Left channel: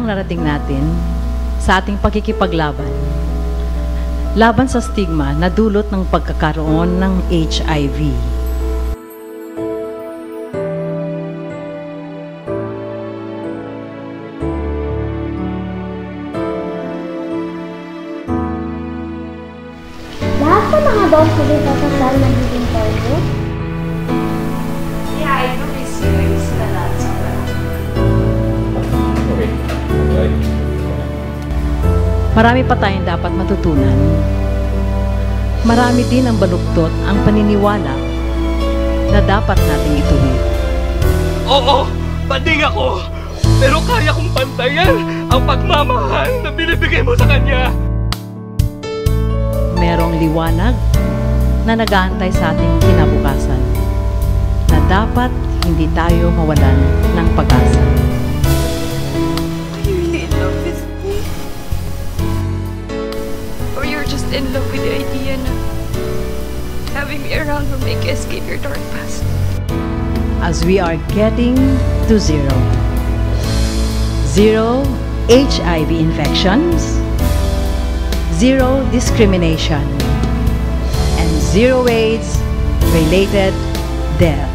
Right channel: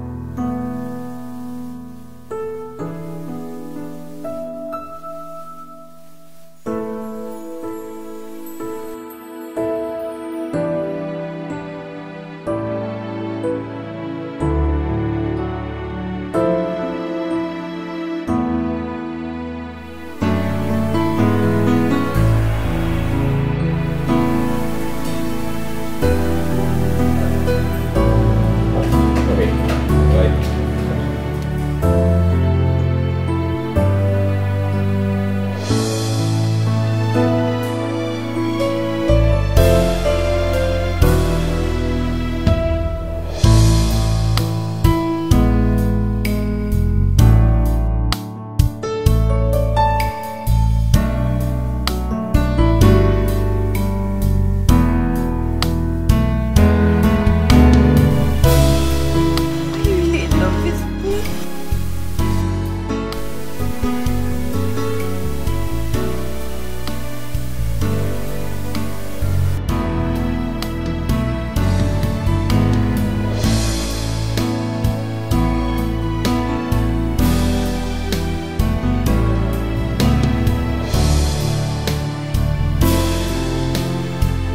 ang narating natin sa ating pagkikipaglaban laban sa stigma na dulot ng pagkakaroon ng HIV. Lahat sa mga doktor ay kasal ng importo? Yeah, I know it's the last one. Okay. Right. Marami pa tayong dapat matutunan. Marami din ang baluktot ang paniniwala na dapat nating ituloy. Oo, banding ako. Pero kaya kong bantayan ang pagmamahal na binibigay mo sa kanya. Merong liwanag na nag-aantay sa ating kinabukasan na dapat hindi tayo mawalan ng pag-asa. Are you really in love with me? Or you're just in love with the idea na having me around will make you escape your dark past? As we are getting to zero. Zero HIV infections, zero discrimination, and zero AIDS-related deaths.